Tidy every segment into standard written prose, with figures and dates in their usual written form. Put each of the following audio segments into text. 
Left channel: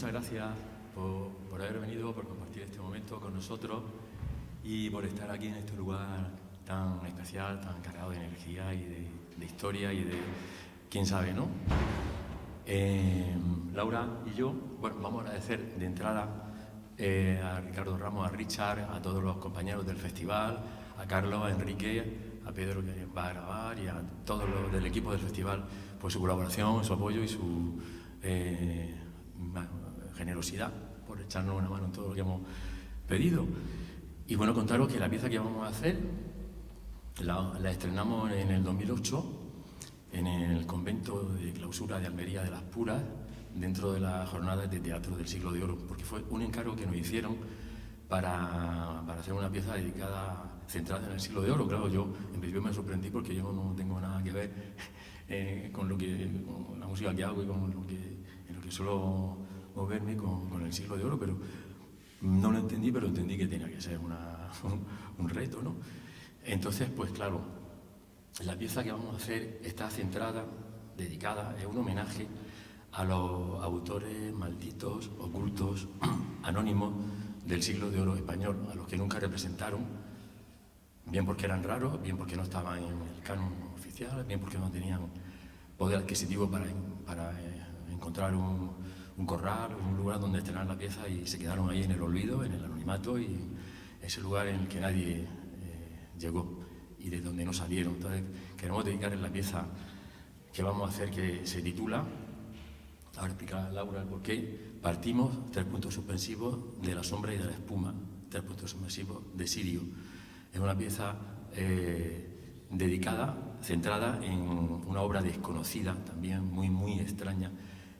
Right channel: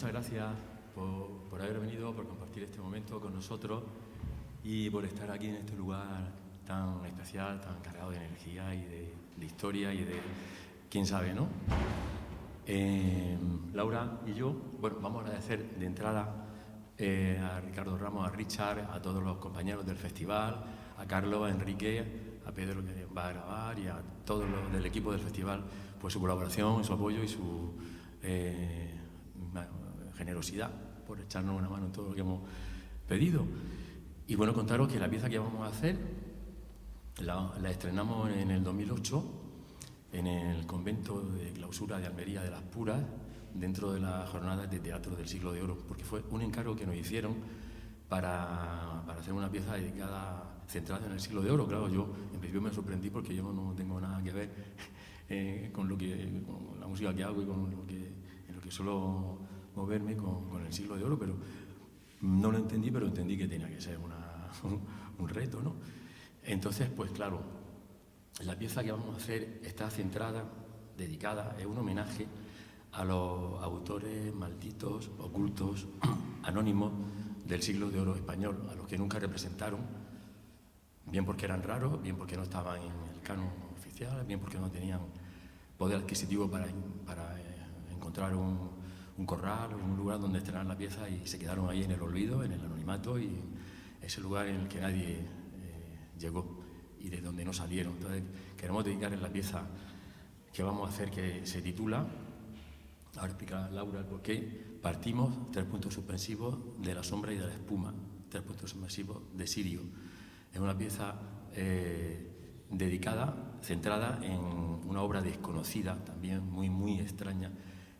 muchas gracias por haber venido, por compartir este momento con nosotros y por estar aquí en este lugar tan especial, tan cargado de energía y de historia y de quién sabe, ¿no? Laura y yo, bueno, vamos a agradecer de entrada a Ricardo Ramos, a Richard, a todos los compañeros del festival, a Carlos, a Enrique, a Pedro que va a grabar y a todos los del equipo del festival, pues su colaboración, su apoyo y su generosidad por echarnos una mano en todo lo que hemos pedido. Y bueno, contaros que la pieza que vamos a hacer la estrenamos en el 2008 en el convento de clausura de Almería de las Puras, dentro de las jornadas de teatro del Siglo de Oro, porque fue un encargo que nos hicieron para hacer una pieza dedicada, centrada en el Siglo de Oro. Claro, yo en principio me sorprendí porque yo no tengo nada que ver con la música que hago y en lo que suelo moverme con el Siglo de Oro, pero no lo entendí, pero entendí que tenía que ser un reto, ¿no? Entonces, pues claro, la pieza que vamos a hacer está centrada, dedicada, es un homenaje a los autores malditos, ocultos, anónimos del Siglo de Oro español, a los que nunca representaron, bien porque eran raros, bien porque no estaban en el canon oficial, bien porque no tenían poder adquisitivo para encontrar un corral, un lugar donde estrenar la pieza, y se quedaron ahí en el olvido, en el anonimato, y ese lugar en el que nadie llegó y de donde no salieron. Entonces queremos dedicar en la pieza que vamos a hacer, que se titula, ahora explicará Laura el porqué, partimos, 3 puntos suspensivos, de la sombra y de la espuma, 3 puntos suspensivos, de Sirio. Es una pieza dedicada, centrada en una obra desconocida, también muy extraña,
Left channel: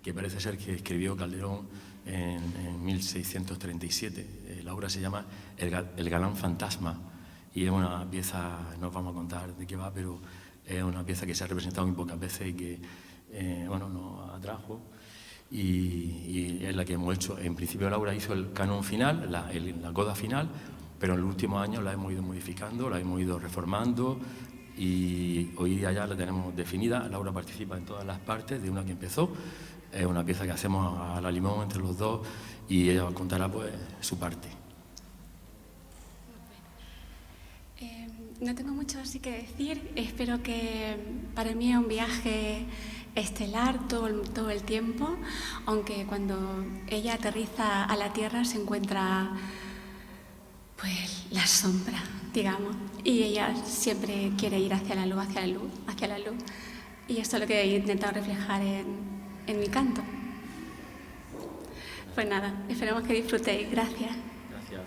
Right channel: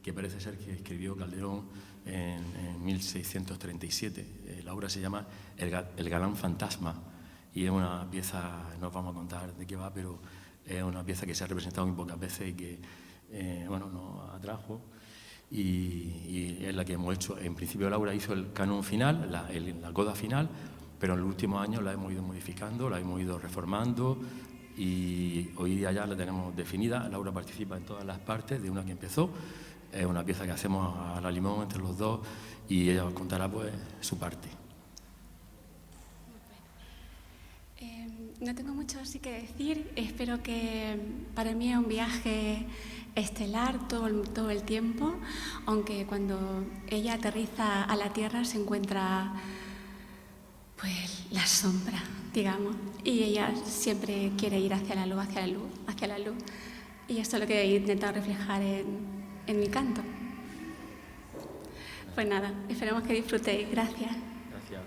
que parece ser que escribió Calderón en 1637. La obra se llama El galán fantasma, y es una pieza, no os vamos a contar de qué va, pero es una pieza que se ha representado muy pocas veces y que nos atrajo, y es la que hemos hecho. En principio Laura hizo el canon final, la coda final, pero en los últimos años la hemos ido modificando, la hemos ido reformando, y hoy día ya la tenemos definida. Laura participa en todas las partes de una que empezó. Es una pieza que hacemos a la limón entre los dos, y ella os contará pues su parte. No tengo mucho así que decir. Espero que para mí es un viaje estelar todo el tiempo, aunque cuando ella aterriza a la Tierra se encuentra pues la sombra, digamos, y ella siempre quiere ir hacia la luz, hacia la luz, hacia la luz, y esto es lo que he intentado reflejar en mi canto. Pues nada, esperemos que disfrutéis. Gracias. Gracias.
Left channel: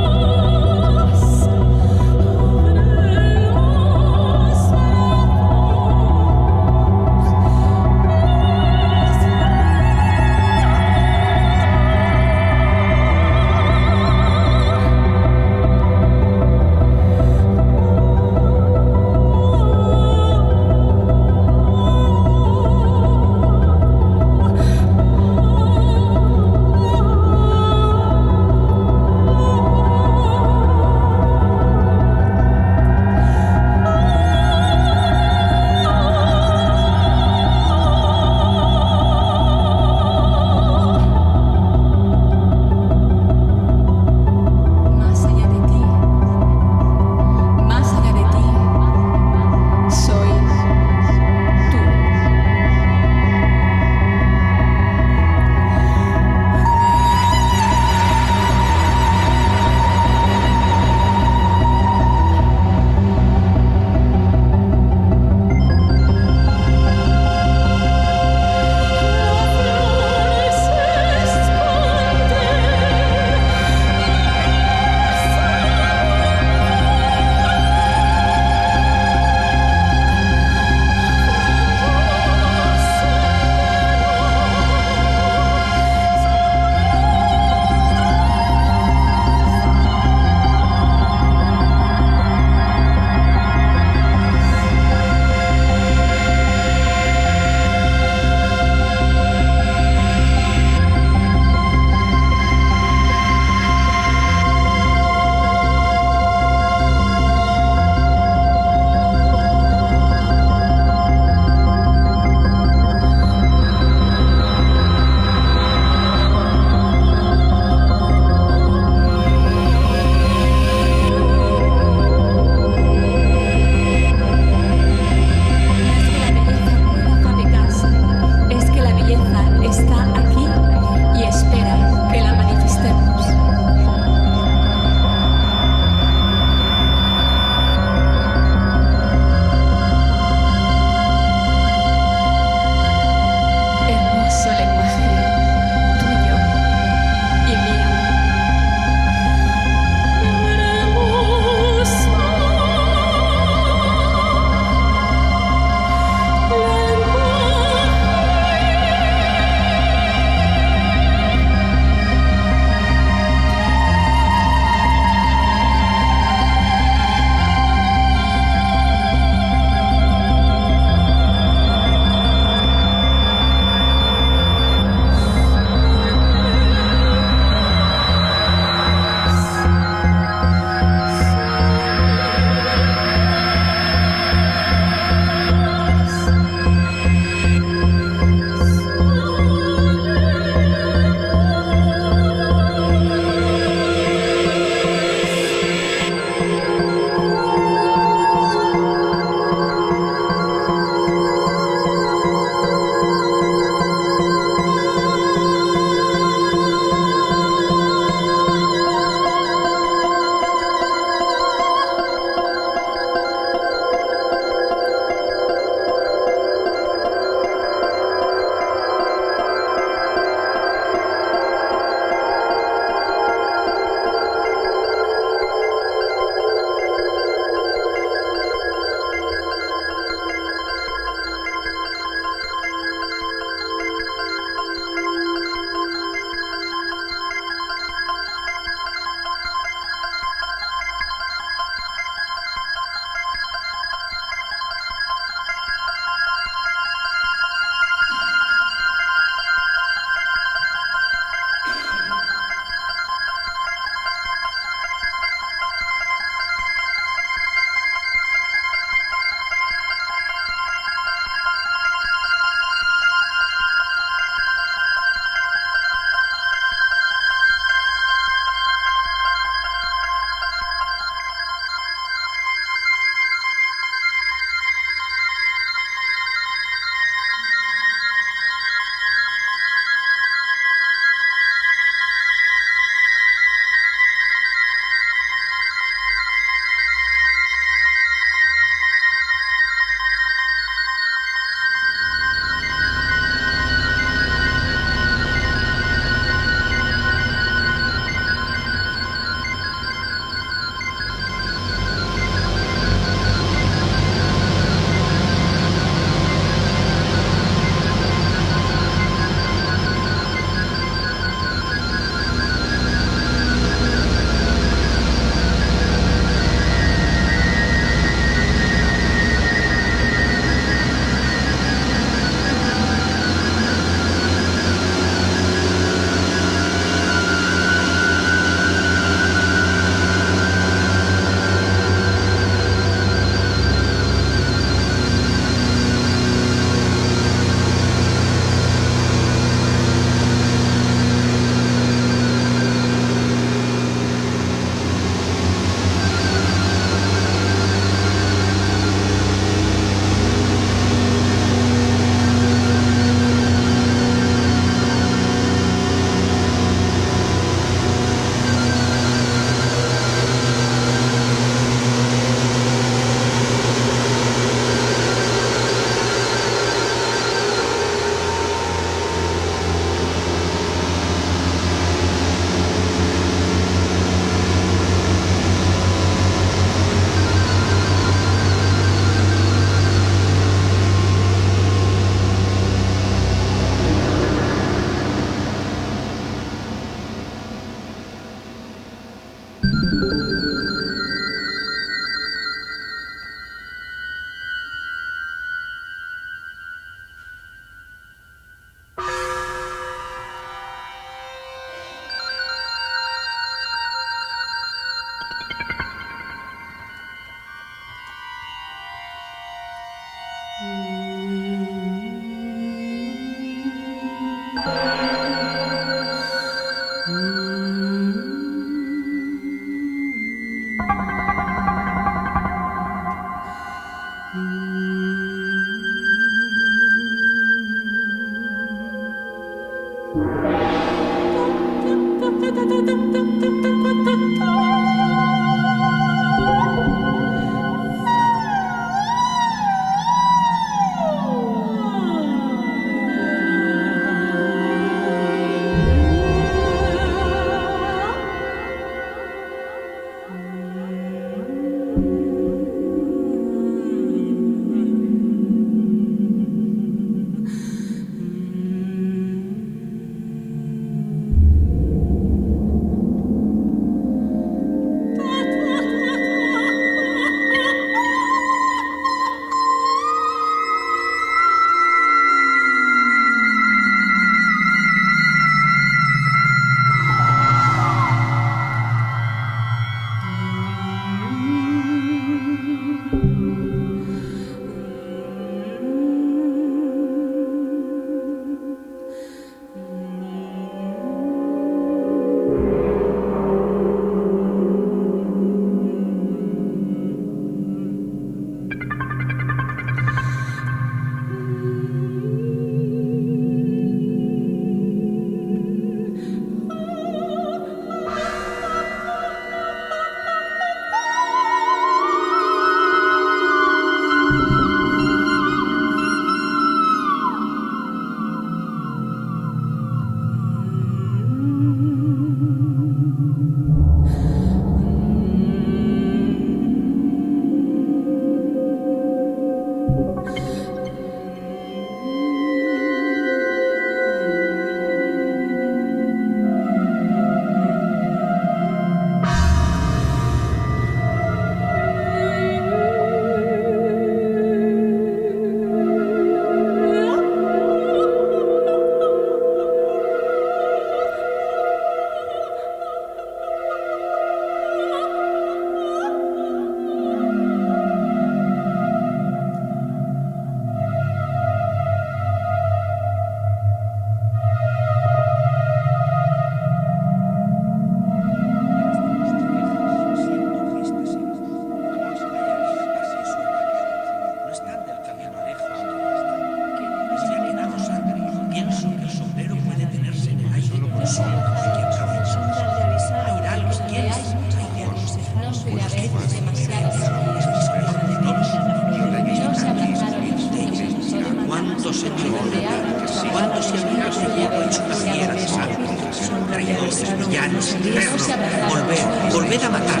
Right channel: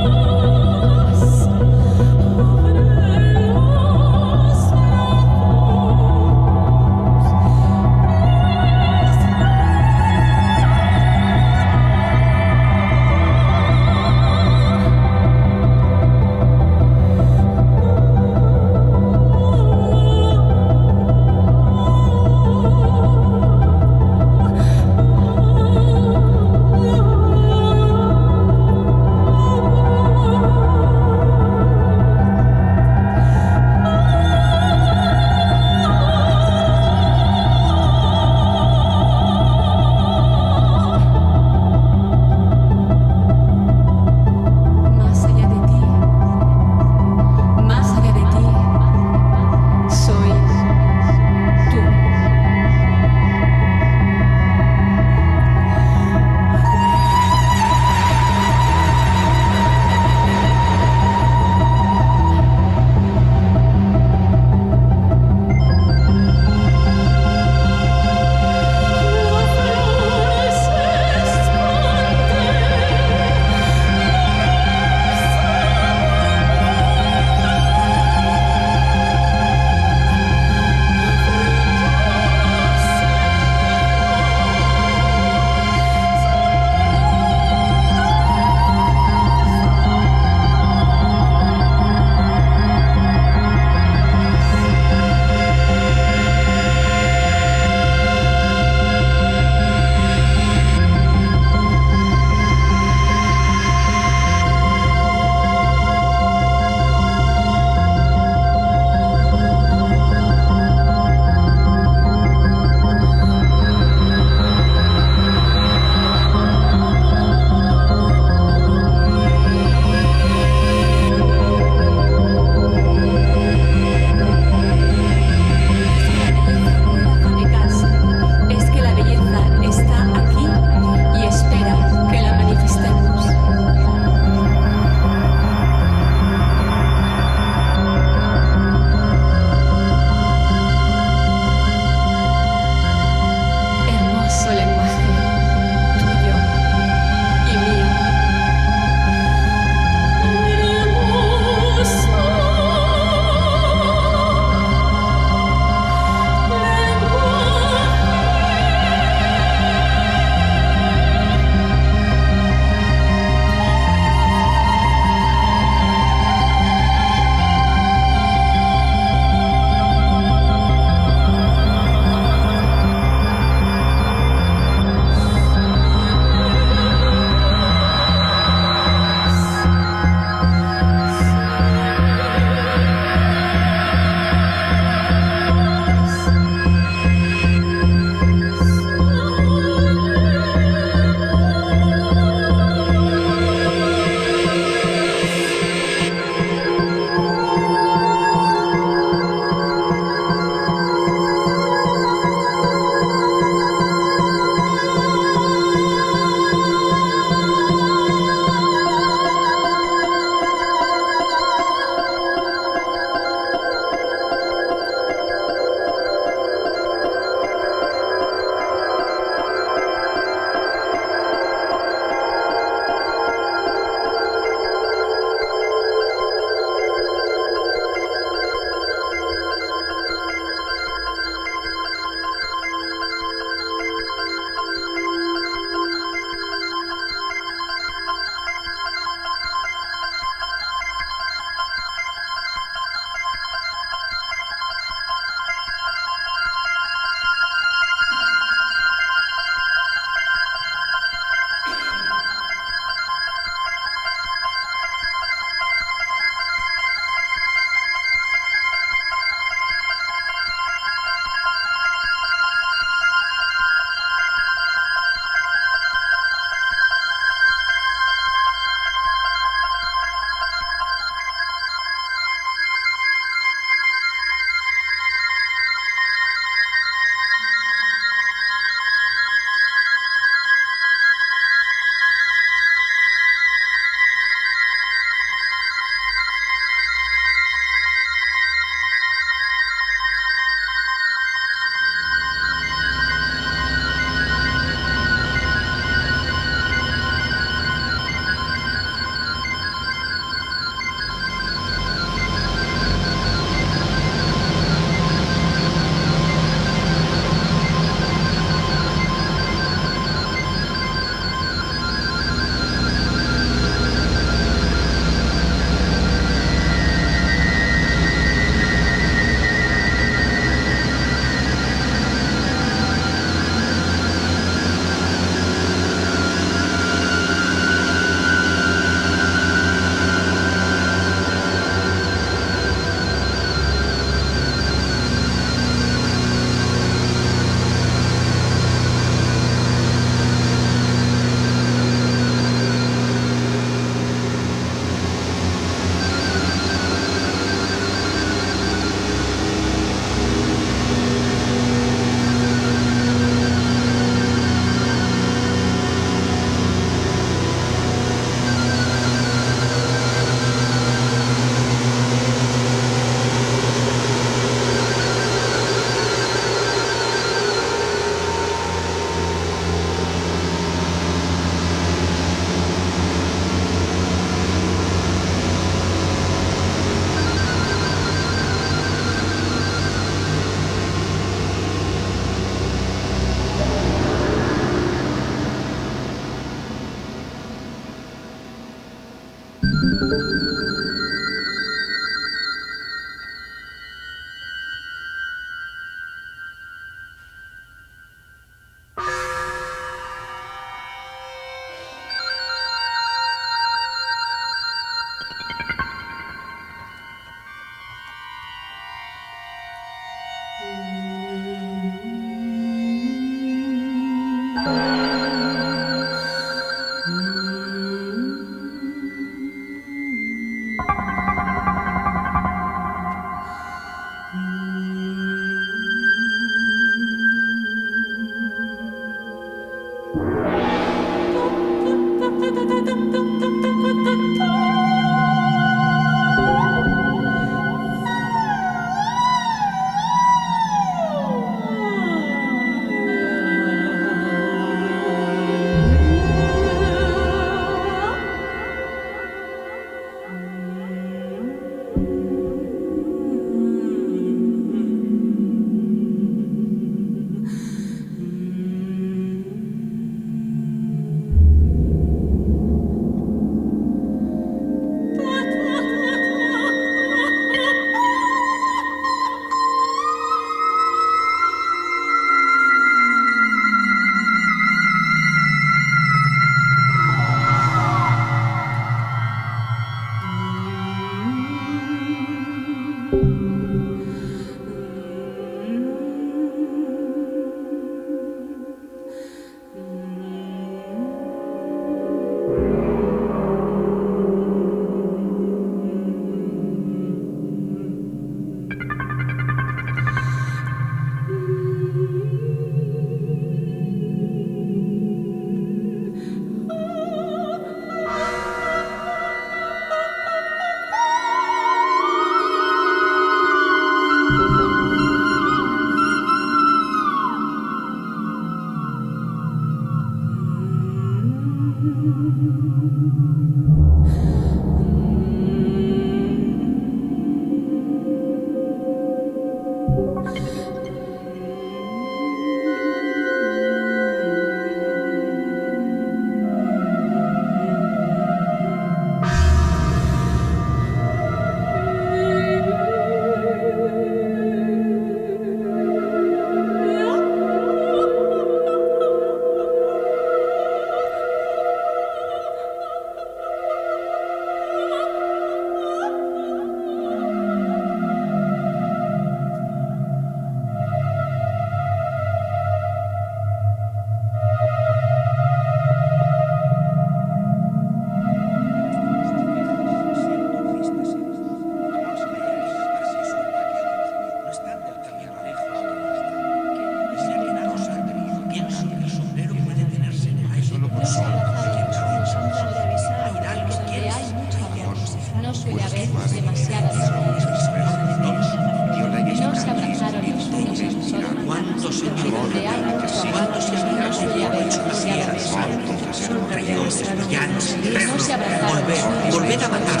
Volved a matar.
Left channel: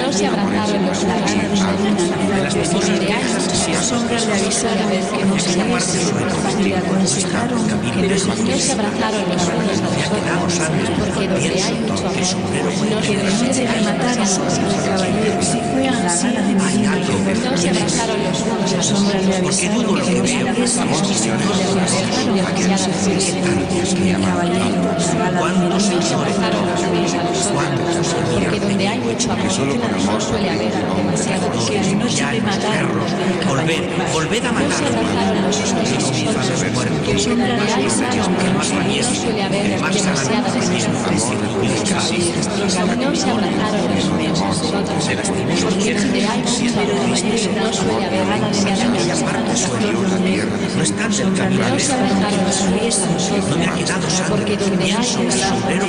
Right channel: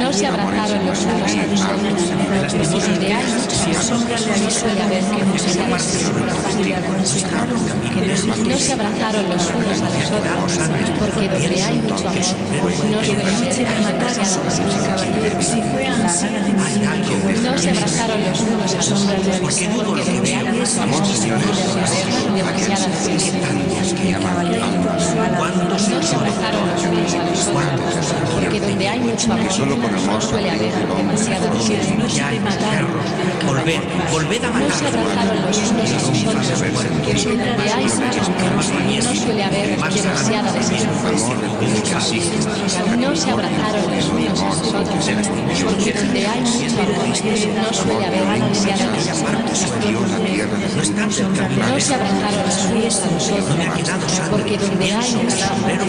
No se abrazaron los Si fue así, no se abrazaron los hombres de la porque donde hay mucho amor suele haber demasiado Volved a matar. porque donde hay mucho amor suele haber demasiada desesperación. No se abrazaron los míos a nosotros, porque donde hay mucho amor no suele haber demasiada desesperación. No están cerca. No se abrazaron los míos a nosotros, porque donde hay mucho amor no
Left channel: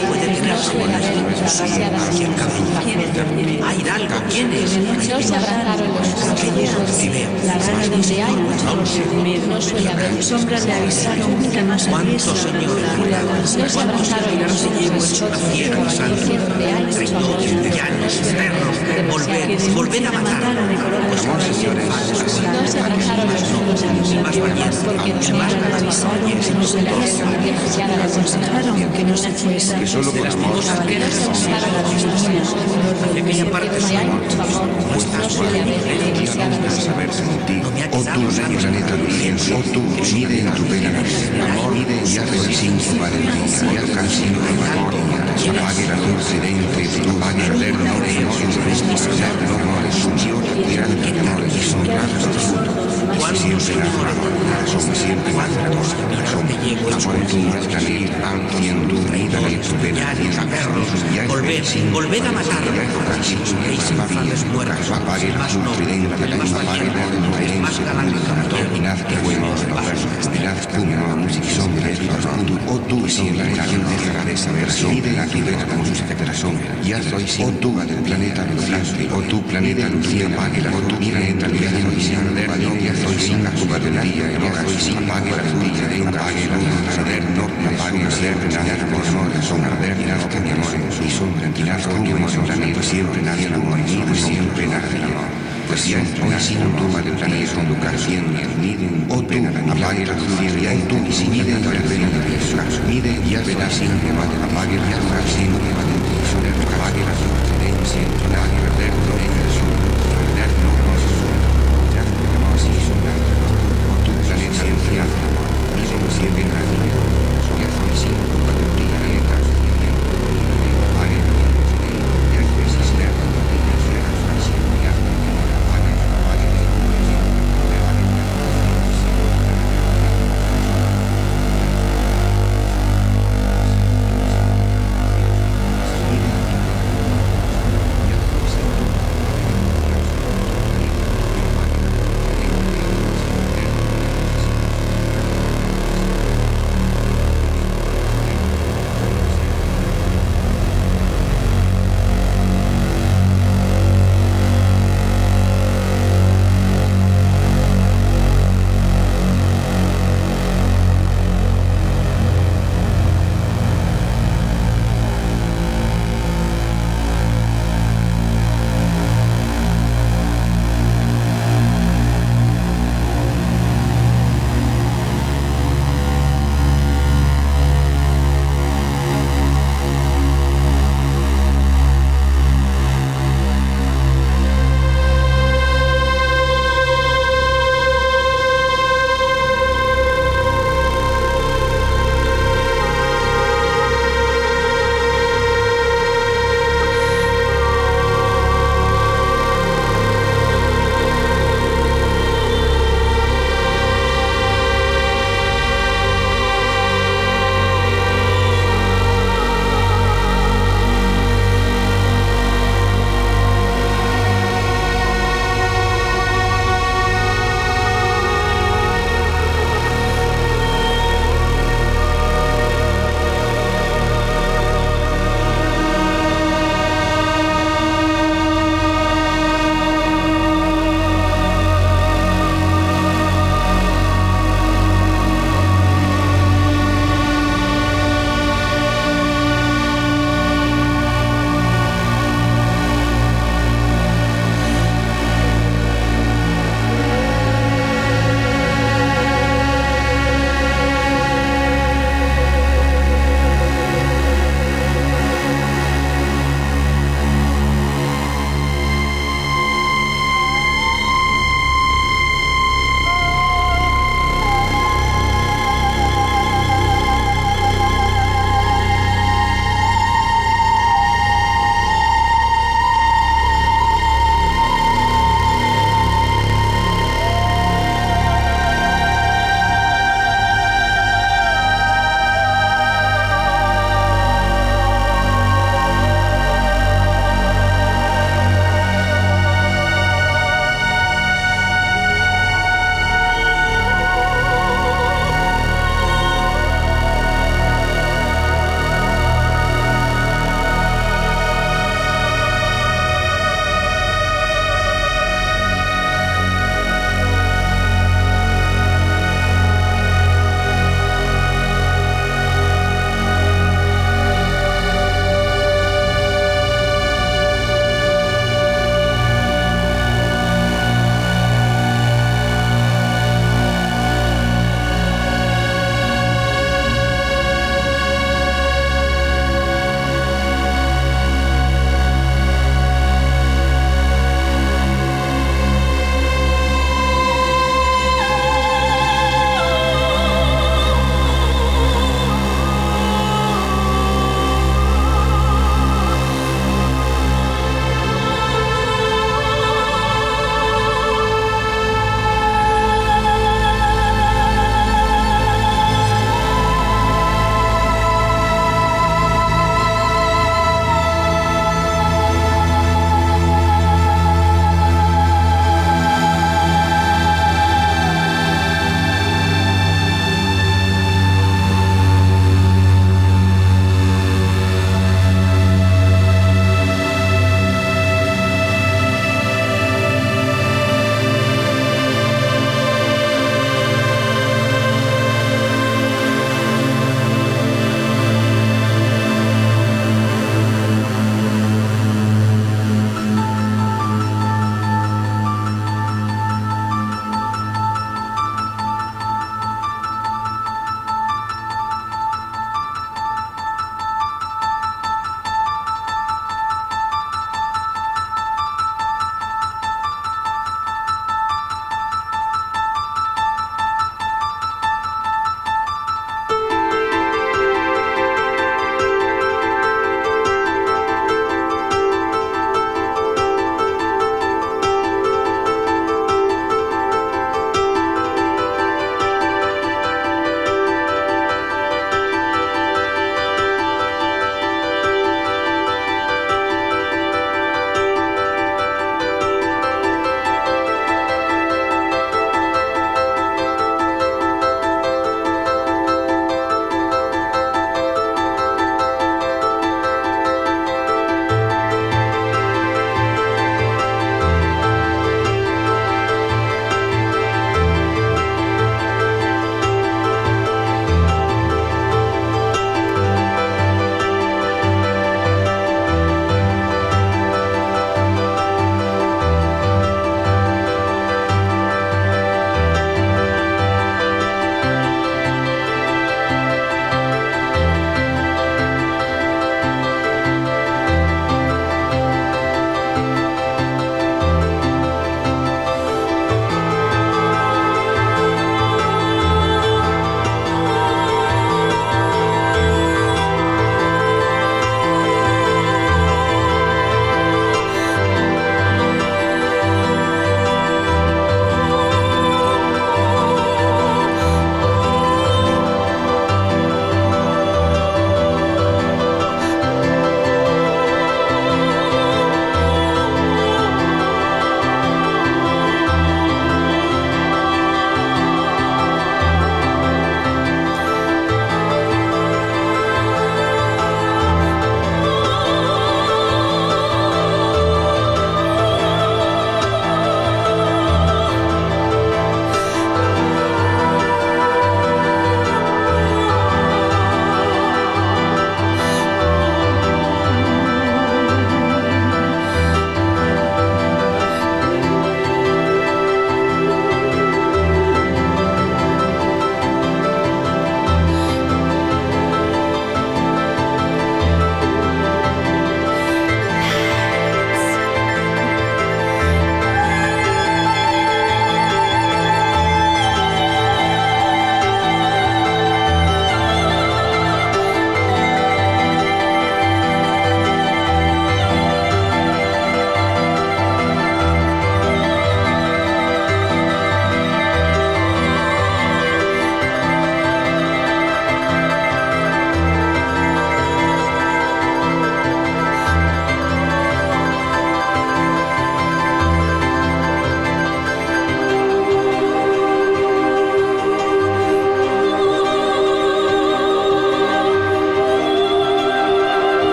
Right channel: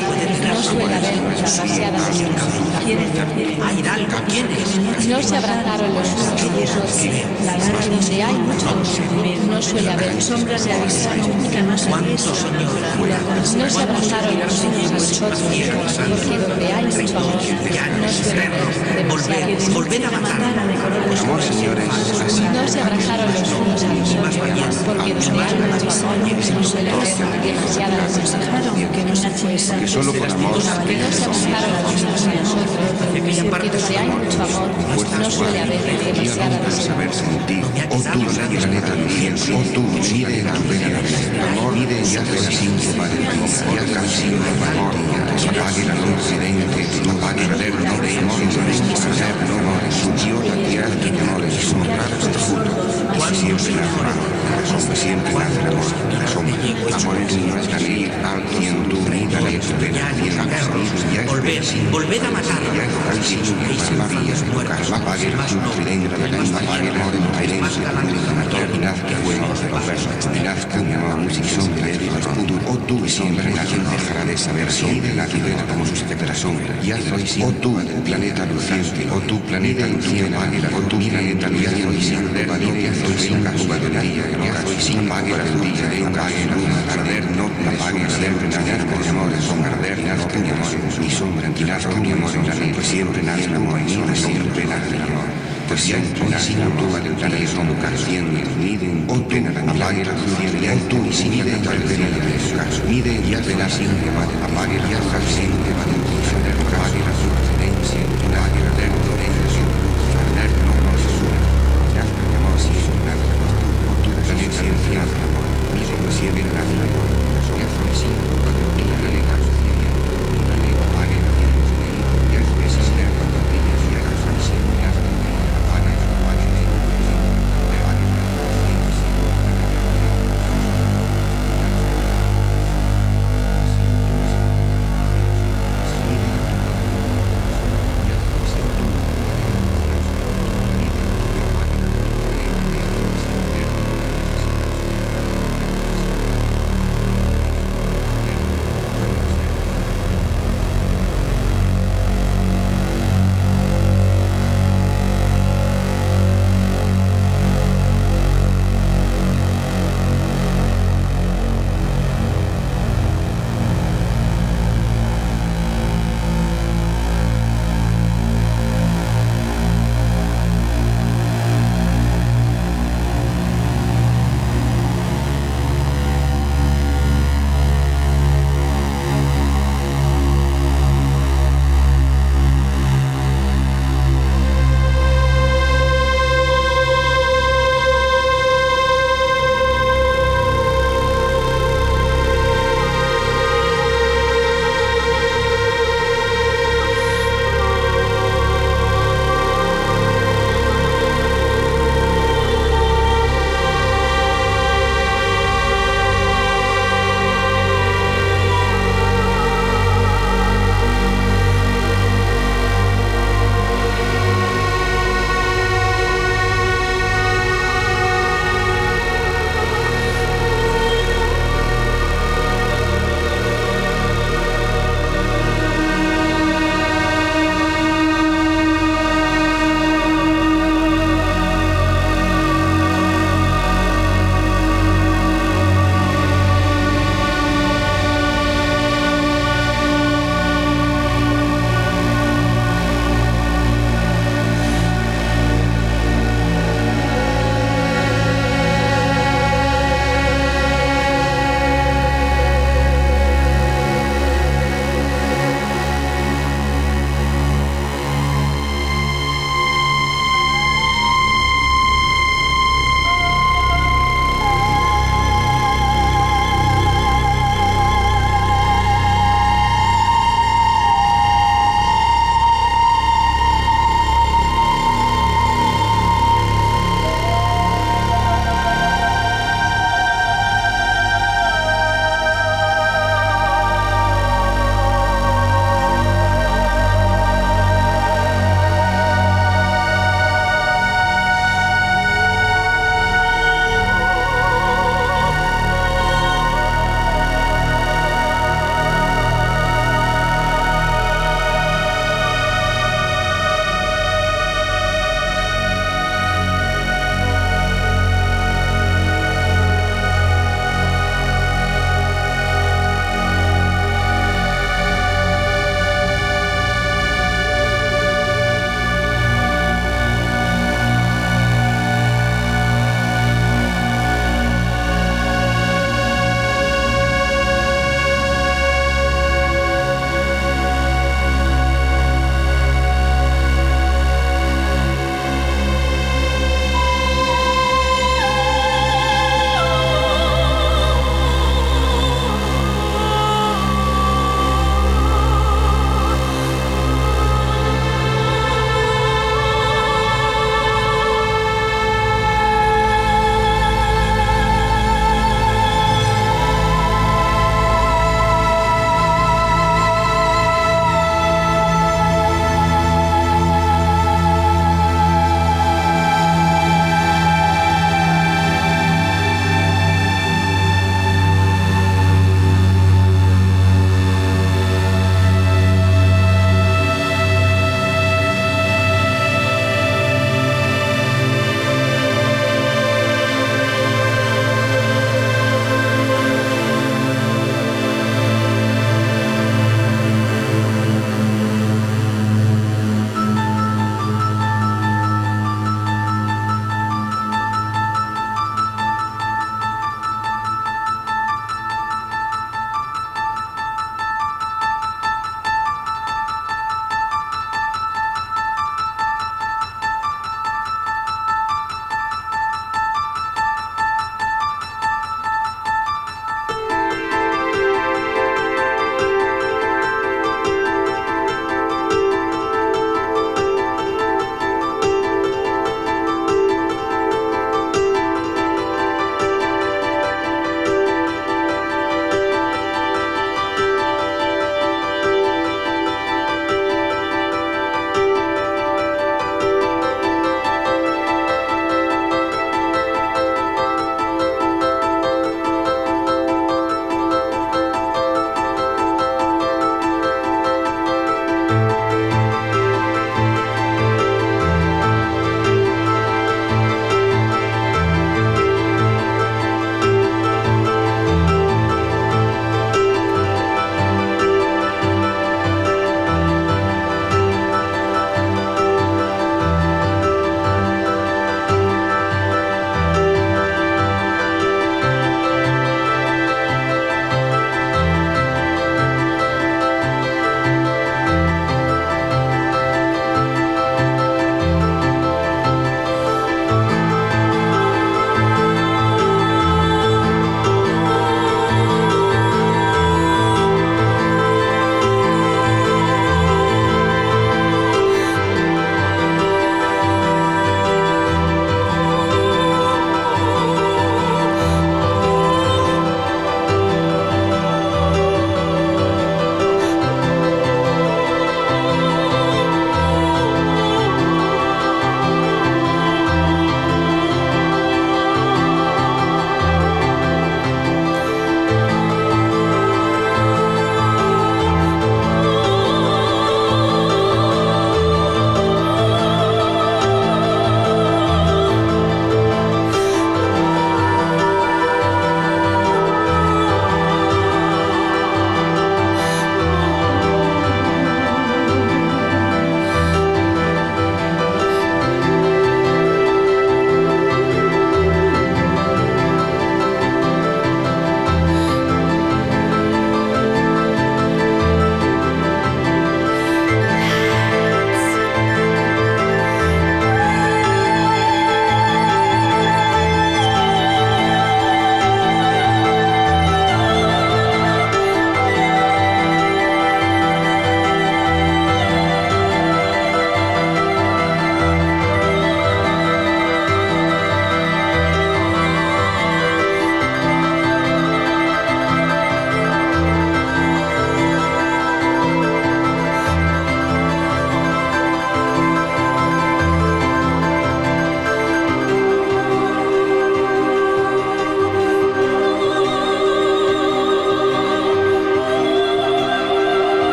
suele haber demasiada desesperación. Hay algo, ¿quiénes? No se abrazaron los nosotros, donde hay mucho amor no suele haber sombras de avisario nunca más ¿Cuántos años? no se abrazaron los nosotros, porque donde hay mucho amor Volved a matar. no se abrazaron los nosotros, porque donde hay mucho amor no suele haber demasiada desesperación. Solo por amor. No se abrazaron los nosotros, porque donde hay mucho amor no suele haber demasiada desesperación. Oh tú, planeta de Dios, oh tú, mire en tu vera, mire y haz el silencio, Padre, coloca el cielo de Padre, apague la luz, silencio, tú vas a ver, no dejemos en silencio, ya no es Dios, ya no es siempre amor aquí, hasta que al cielo, venga la esperanza, Volved a matar. apague la luz, silencio, la luz, apague la luz, que fuego de bajas, hostilidad, puño, música, son directos, o tú y siempre nadie dejará de saber, son de la vida como sus efectos son, y hazlo y sin, o tú del planeta brillante, o tu planeta luciente, o tú mira en realidad y sin de valiente, o sin la jugadoría, y sin apague la bombilla de apague la arder, no apague siempre nadie por amor, son arder y las cañas, y son tranquilas, cambiamos en la vida, siempre nadie la muere, siempre nadie la muere. Pues siempre sin tu madre es como canción o pena apague la luciría en tu y si mide y alberga la presa mide y alberga siempre apague y alberga siempre son el apague la luciría siempre la guerra no deja su sonar hermoso ya no hermoso y su nada tu planeta siempre nada mismo siempre nada su hijo y sin cuando tu planeta apague la luciría es desistente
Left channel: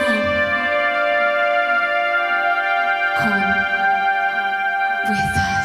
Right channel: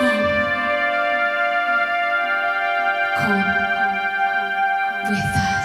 Come with us.